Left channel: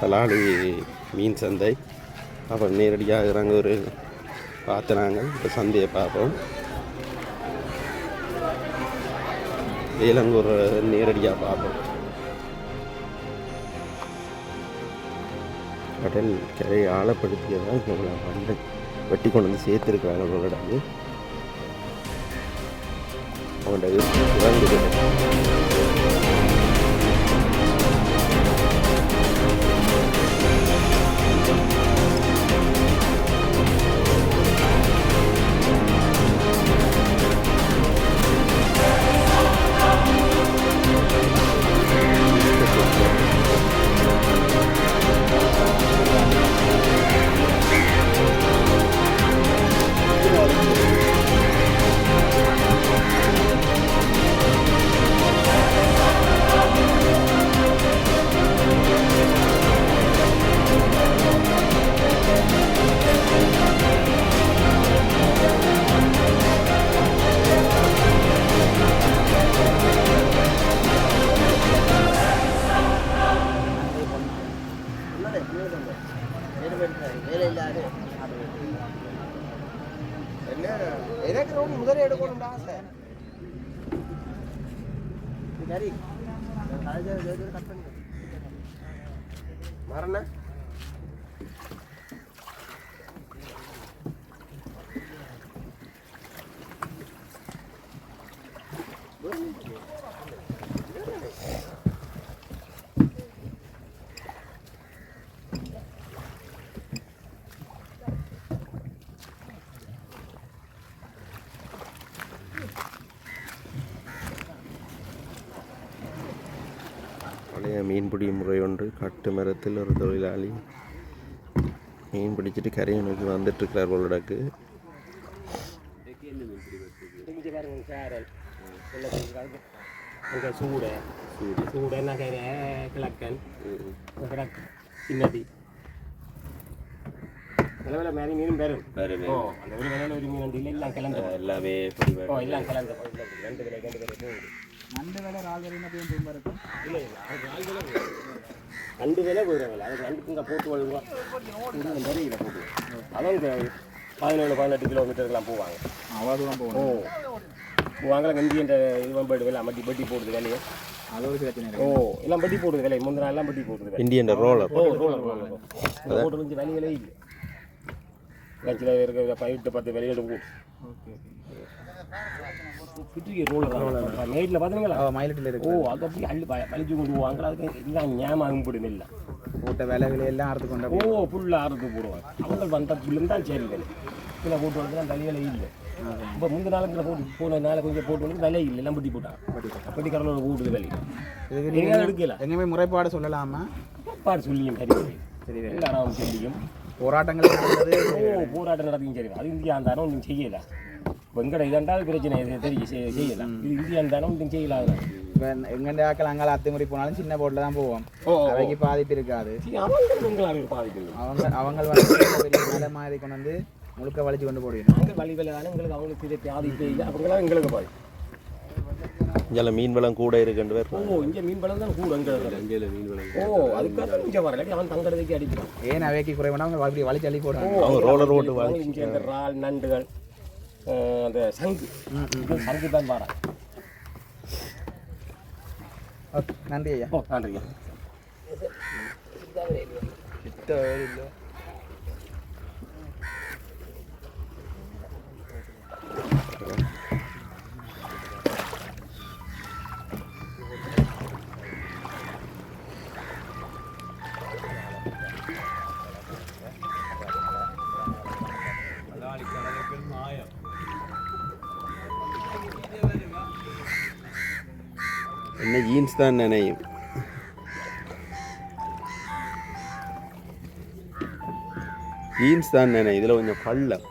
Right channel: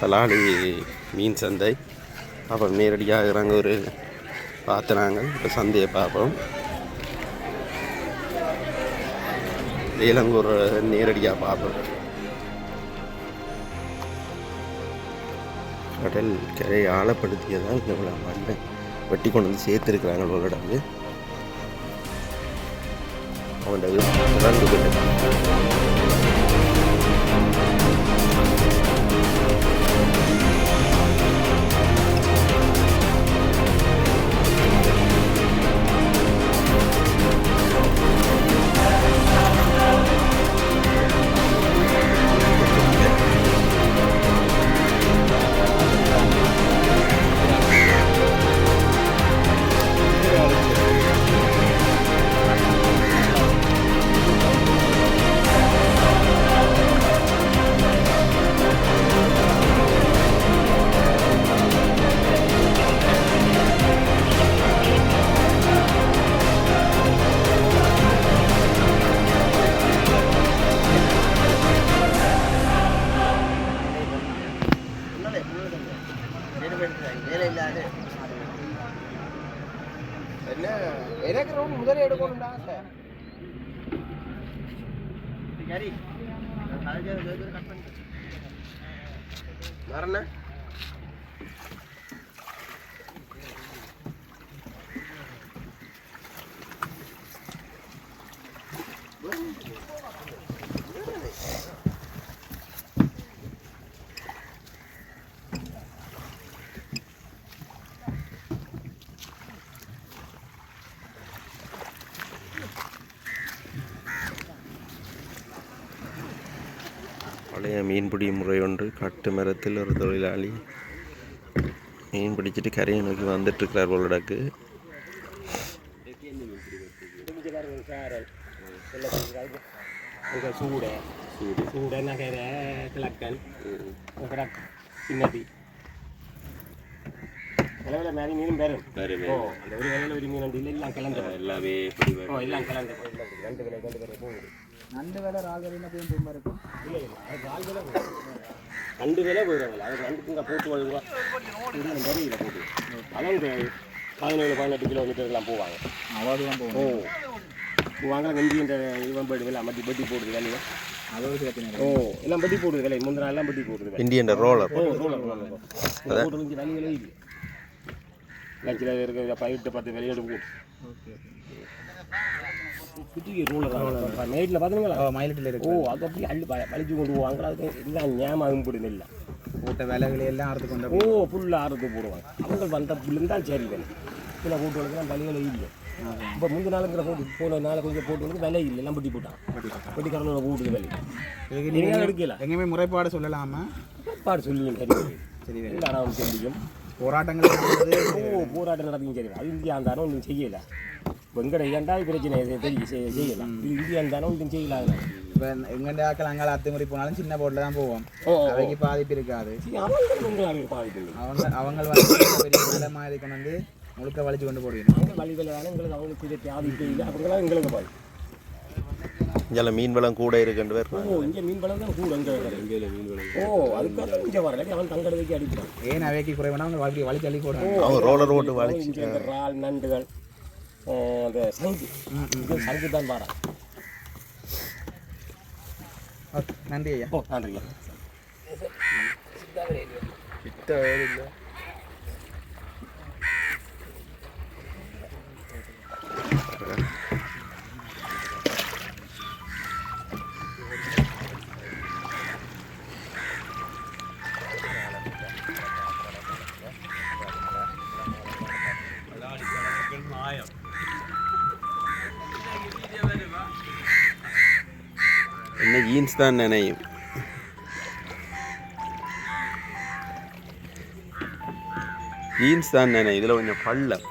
கலாடி மீன் சந்தை. அப்புறம் நேரடியாக இறங்க ஒரு பார்த்துனாங்க. இப்போ சந்தையை பார்ப்போம். ஏலங்கூர் நேரடியாக பார்ப்போம். கடல் கரை ஆழப்படுத்தியதான் இவ்வளோ மண்ணை வெட்டி கொண்டு வந்து சேர்த்துருக்குறாங்க. அவங்களோட அவங்களோட இறங்கு பழைய மீன்பிடி முறை ஒன்று. கட்டு மரத்தில் ஒரு தொழிலாளி மீன் பிடிச்சிட்டு கரையை நோக்கி வந்துட்டுருக்கிறார் போலடாக்கு. சின்னதி விலை மாதிரி மீனும் பெரும் அந்த ஒரு விலையில் ஒரு மீன் இல்லை எல்லாம் கிளந்து எல்லாமே எல்லாம் கிளந்து ரெண்டு விலை போகுது. நண்டு விலை ரால் விலைன்னா போய் இருக்கும். இல்லை இல்லை அது ரால் விலை ரெண்டு விலை போயிடுறாங்க. அது ரெண்டுக்கு இங்கே போட்டு வருங்க இதில் போட்டு அதுவும் 17-18 கிலோமீட்டர்லாம் போவாங்க. அவ்வளோதான் போவாங்க. வெந்தி இந்த இவன் போய்டு விலை மட்டி பட்டி போடுது வேலையை. எல்லாம் பட்டி போடுது விலை. முந்தின எல்லாம் பட்டி போடுது இந்தியன் ரோலர் ரோலர் போட்டு வேலை விலை இல்லை. சில இருக்கிற 8-10 விலையிடும். நைட்டில் பார்த்தீங்களா மயிலட்டில் இருக்கு. அது அப்படி அள்ளி பழிச்சு கொண்டு போவாங்க. அதுக்கு எல்லாம் ஞாபகம் போடுது இல்லை போட்ட விலை விலையெல்லாம் அறுத்து கொண்டு ஃபுல்லாக அறுத்து போடுவாங்க. அவங்க வந்த புல்லுன்னு தான் சரி வேலை. சில போட்டு வளர்க்குலாம் விலையில இல்லை. இப்போ முந்தின நாளுங்கிற போன நாளை கொஞ்சம் போட்டு வந்து விலை இல்லை. எல்லாம் பட்டி போட்டாங்க. பட்டி கடலோட போடுது விலை எடுக்கல. எங்கேயுமே முறைப்பாடு சொல்லலாமா? முறைப்பாடு சொல்லியும் சரி சரி எல்லாரும் சொல்லியும் போராட்டங்கள் போராட்டம் நடக்கும். சரி அது இந்தியா இருந்தாலும் ஒன்றும் செய்யலை. வெங்கட இரண்டாவது பிரச்சனை தெரியும் செய்யலாம். இது இந்தியா இருந்தாலும் ஒன்றும் செய்யலாம். இப்போ எங்கெண்ட ஆக்கள் அங்கே அத்துமுறை போனாலும் சின்ன போட்டில் தான் போவோம். அவைக்கு பாதிப்பு இருக்காது. அவங்க பெரிய மாதிரி கொண்டு வந்து முழுக்க வலிச்சு கொண்டு போடுவீங்க. வழி வேலை எங்களுக்கு அவங்களுக்கு பாதிப்பு இல்லை. அவங்களாம் எங்களுக்கு பாதிப்பு. இங்கே மீன் வளம் கூட இருக்குன்னு பேர். இங்கே மீன் வளம் தான் கூட இங்கே மீன் வளம். அதுக்காக இங்கே வரல. அவன் தங்கறதுக்கு அடிக்கிறான். ஏன் அவைக்கு குறைவானா அவங்க வலிச்சு அள்ளி போடுறாங்க. அவங்க ரோலர் ஓட்டு வலிச்சு இறால் நண்டுகள் அந்த சங்கு சங்கு தான் பாரா. நன்றி ஐயா. நன்றி ஐயா. என்ன ஜீன்ஸ் தான் நினையும். ஜீன்ஸ் தான் நினையும். இதில் கொஞ்சம் பள்ளம்.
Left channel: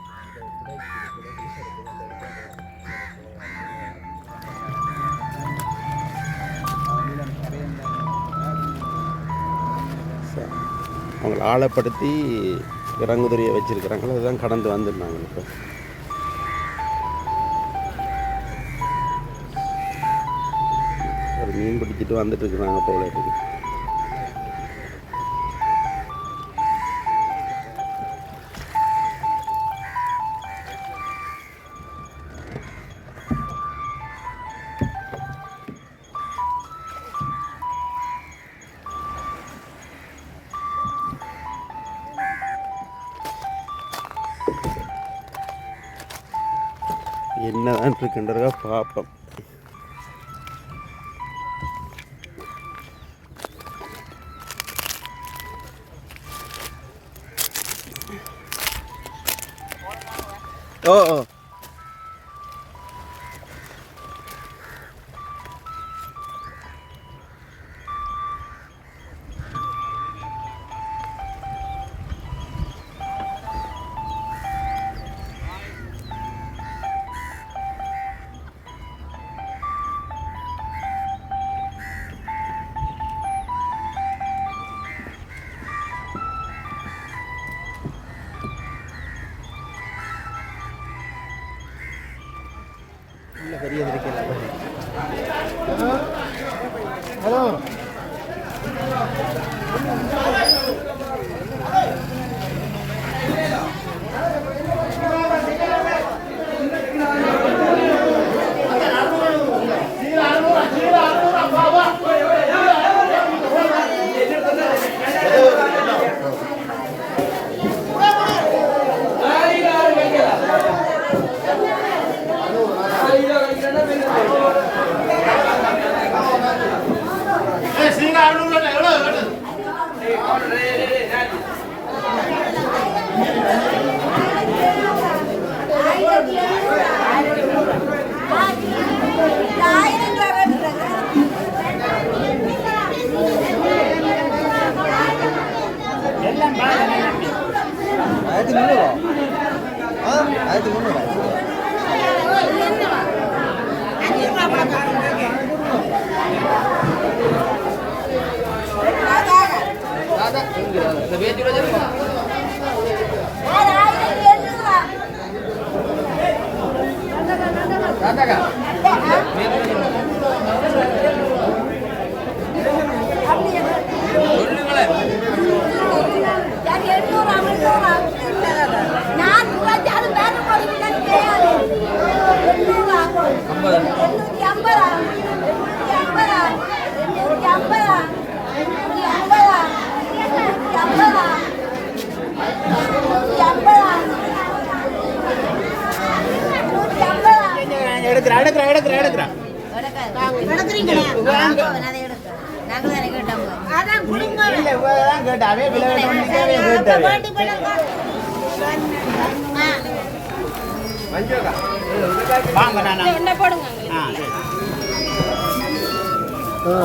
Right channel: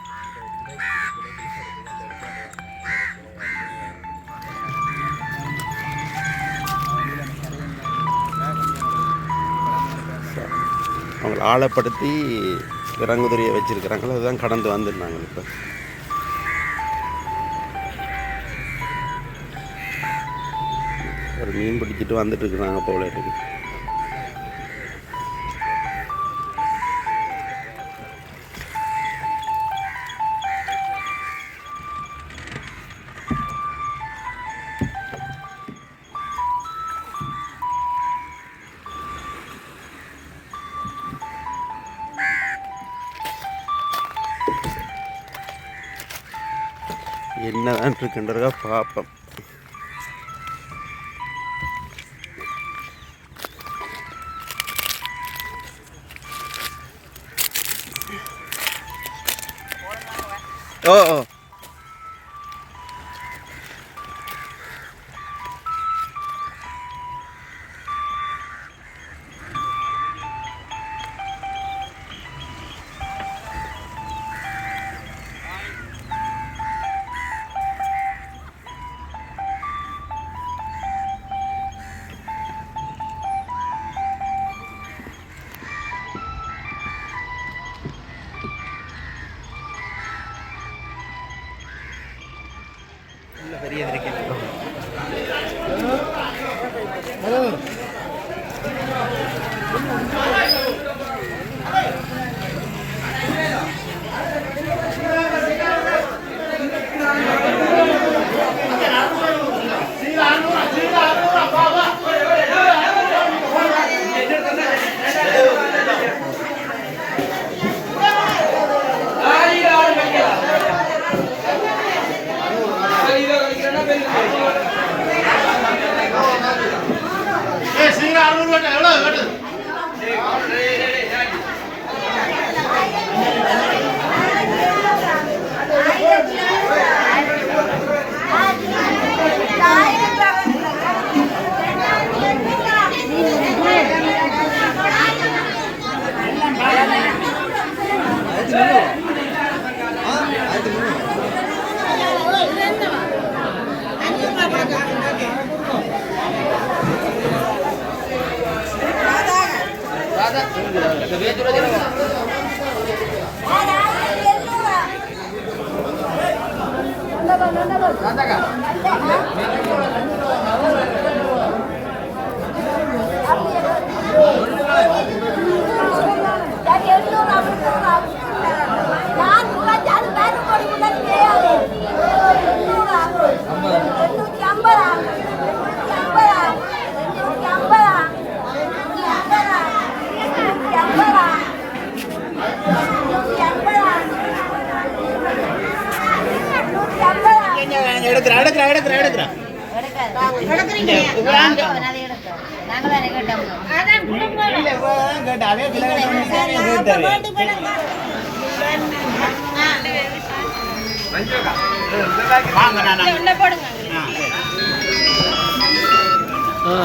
அவங்களை ஆழப்படுத்தி இறங்குதுறையை வச்சிருக்கிறாங்களோ அதுதான் கடந்து வந்துருந்தாங்க. இப்போ ஒரு மீன் பிடிச்சிட்டு வந்துட்டு இருக்கிறாங்க போல இருக்கு. என்னதான் இருக்குன்றதா பார்ப்போம். ஓ ஓ பெரிய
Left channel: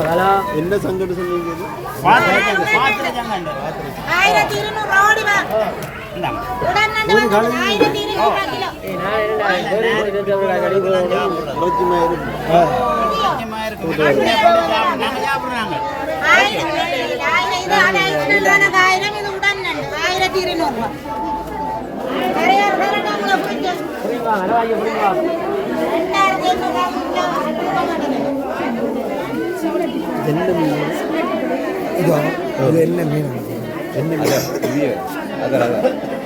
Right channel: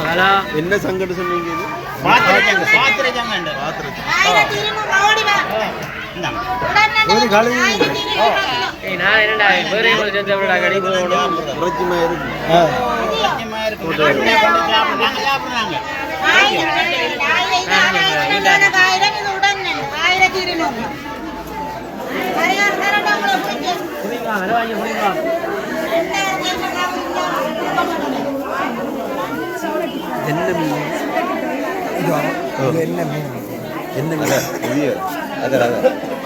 ஹலோ என்ன சங்கடம் சொன்னீங்க? இது என்ன மீன்? என்ன மீன்? என்ன மீன்?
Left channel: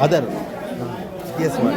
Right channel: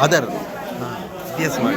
அதர் வித்தியாசமாக